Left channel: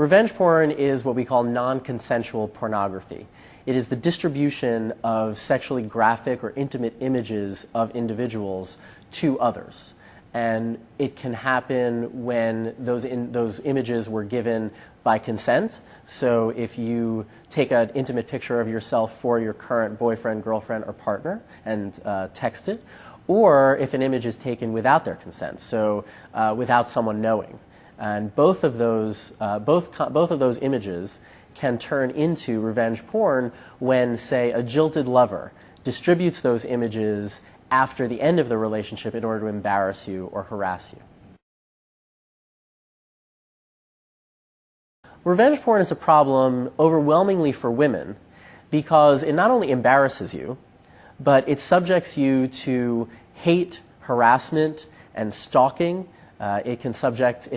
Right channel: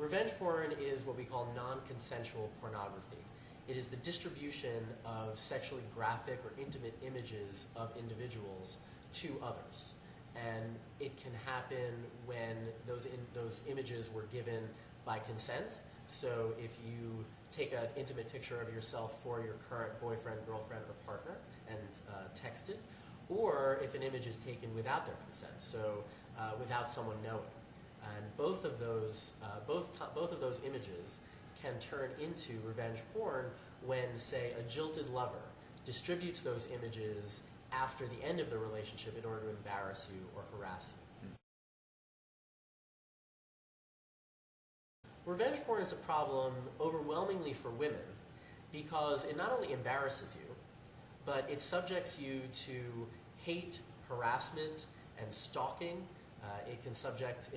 Revenge porn is what we call non-consensual pornography. It is the distribution of sexually graphic or intimate images of individuals to others. And it can happen when those images were given by consent. So if you take an intimate picture of yourself for your current boyfriend, girlfriend, or partner and text it, or if an image is taken without their consent, so without someone knowing. And both of those images can turn into revenge porn when, say, a jilted lover distributes those images after the end of the relationship in order to embarrass you or harass you. Revenge porn is a problem overwhelmingly for women because it not only embarrasses you, but it subjects you to hate, harassment, and stalking. It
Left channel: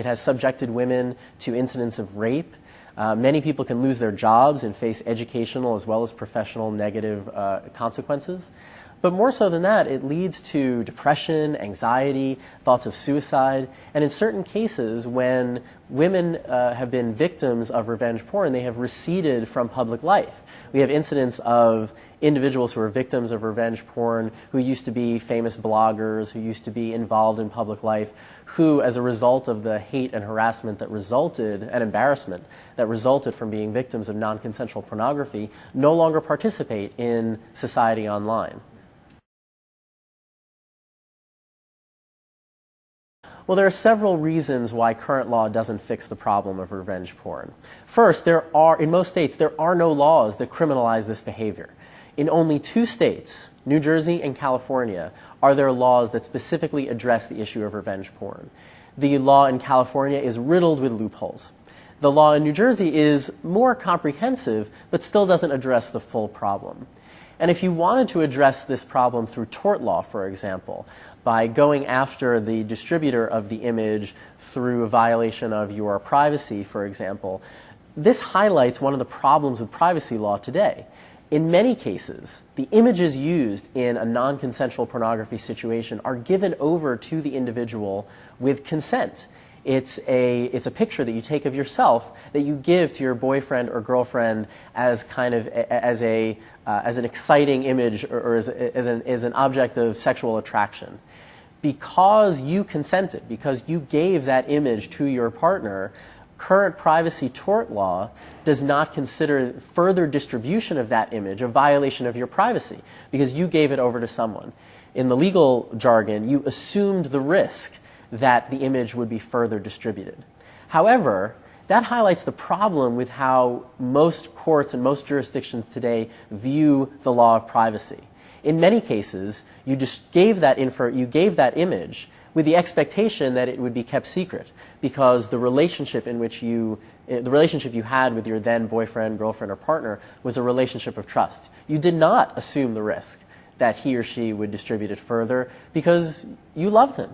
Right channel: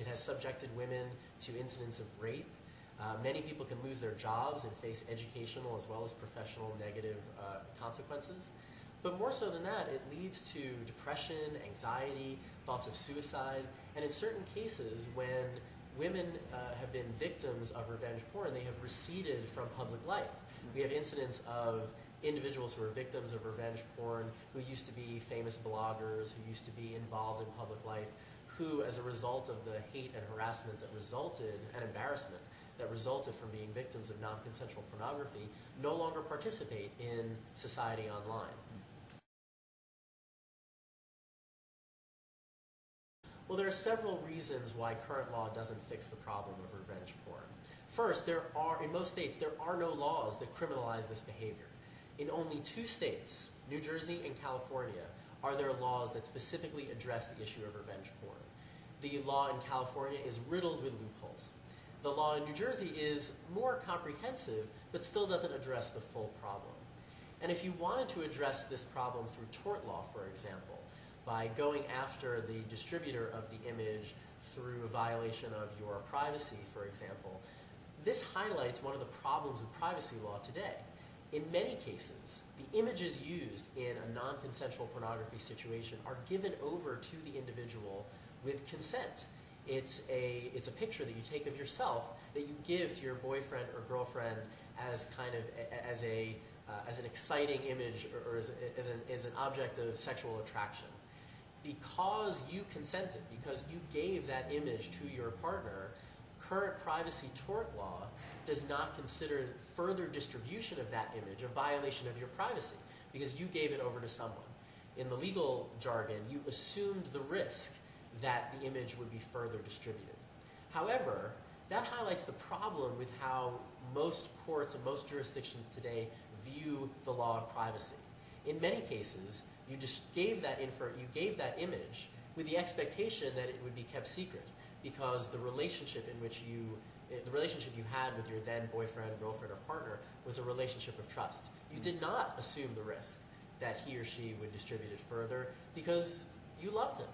has subjected women to incidents of rape. Many people can lose their jobs and face educational as well as professional negative consequences. But more so than that, it leads to depression, anxiety, thoughts of suicide, and in certain cases, when women have been victims of revenge porn, they have receded from public life. We have incidents of individuals who are victims of revenge porn who used to be famous bloggers, who used to be involved in public life, who, as a result of the hate and harassment that resulted, and embarrassment that resulted from being victims of non-consensual pornography, no longer participate in society online. Well, there are several reasons why current law doesn't fix the problem of revenge porn. First, in most states, there are no laws that criminalize this behavior. In only 2 states, New Jersey and California, are there laws that specifically address the issue of revenge porn. The law in California is riddled with loopholes. The law in New Jersey is more comprehensive, but still doesn't address the full problem. And if you wanted to address this problem through tort law, for example, by going after the distributor of the image through a violation of your privacy, for example, this highlights one of the problems with privacy law today. In many cases, the images used in a non-consensual pornography situation are given over to the individual with consent. It's a picture that you take of yourself that you give to your boyfriend or girlfriend as kind of as an exciting image or as an object of sexual attraction. Because you consented, because you gave that image to your partner, current privacy tort law does not consider further distribution of that image a violation of your privacy because you gave it over to someone. In the legal jargon, you assumed the risk that the image would be further distributed. However, that highlights the problem with how most courts and most jurisdictions today view the law of privacy. In many cases, you just gave that image with the expectation that it would be kept secret because the relationship you had with your then boyfriend, girlfriend, or partner was a relationship of trust. You did not assume the risk that he or she would distribute it further because you loved him.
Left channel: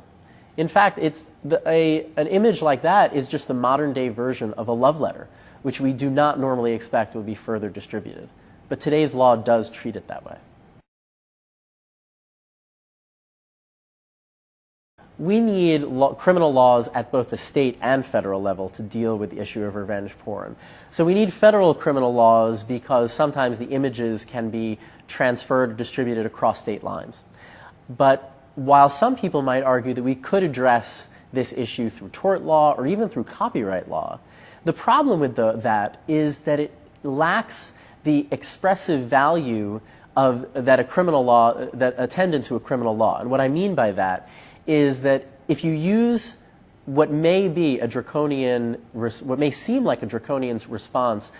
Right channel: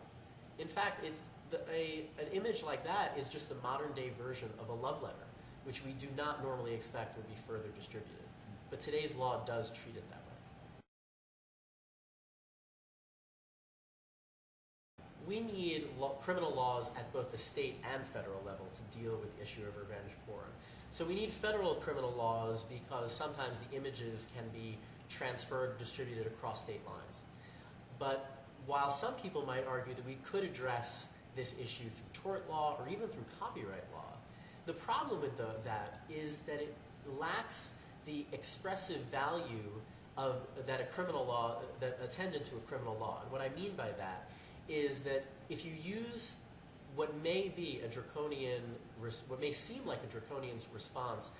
In fact, an image like that is just the modern-day version of a love letter, which we do not normally expect will be further distributed. But today's law does treat it that way. We need criminal laws at both the state and federal level to deal with the issue of revenge porn. So we need federal criminal laws because sometimes the images can be transferred or distributed across state lines. But while some people might argue that we could address this issue through tort law or even through copyright law, the problem with that is that it lacks the expressive value that attendant to a criminal law. And what I mean by that is that if you use what may seem like a draconian response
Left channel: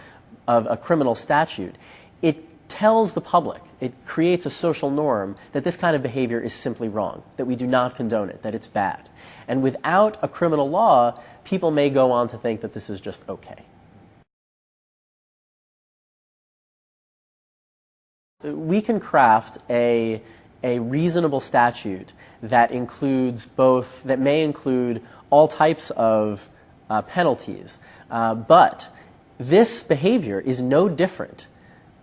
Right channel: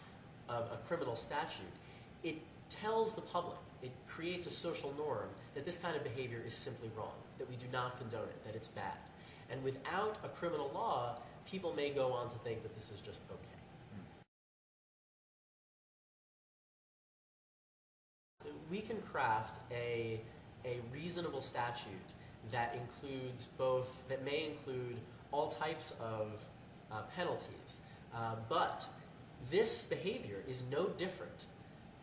of a criminal statute, it tells the public, it creates a social norm that this kind of behavior is simply wrong, that we do not condone it, that it's bad. And without a criminal law, people may go on to think that this is just okay. We can craft a reasonable statute that may include all types of penalties. But this behavior is no different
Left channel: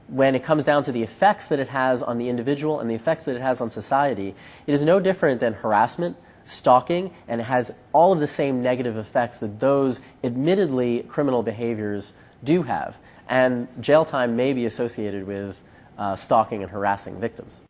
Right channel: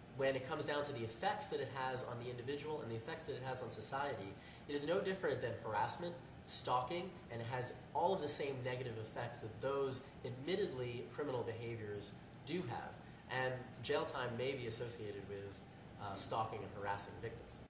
when it comes down to the effects that it has on the individual and the effects that it has on society. It is no different than harassment, stalking and has all of the same negative effects that those admittedly criminal behaviors do have. And jail time may be associated with stalking and harassing victims.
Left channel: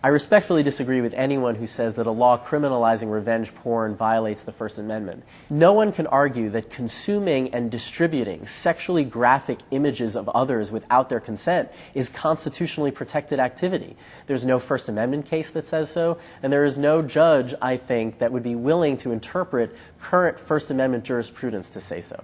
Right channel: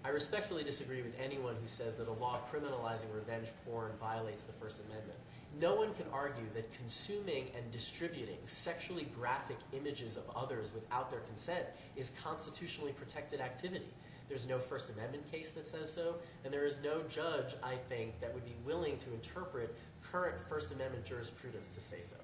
I respectfully disagree with anyone who says that a law criminalizing revenge porn violates the First Amendment. No one can argue that consuming and distributing sexually graphic images of others without their consent is constitutionally protected activity. There's no First Amendment case that says so, and there is no judge, I think, that would be willing to interpret current First Amendment jurisprudence to say so.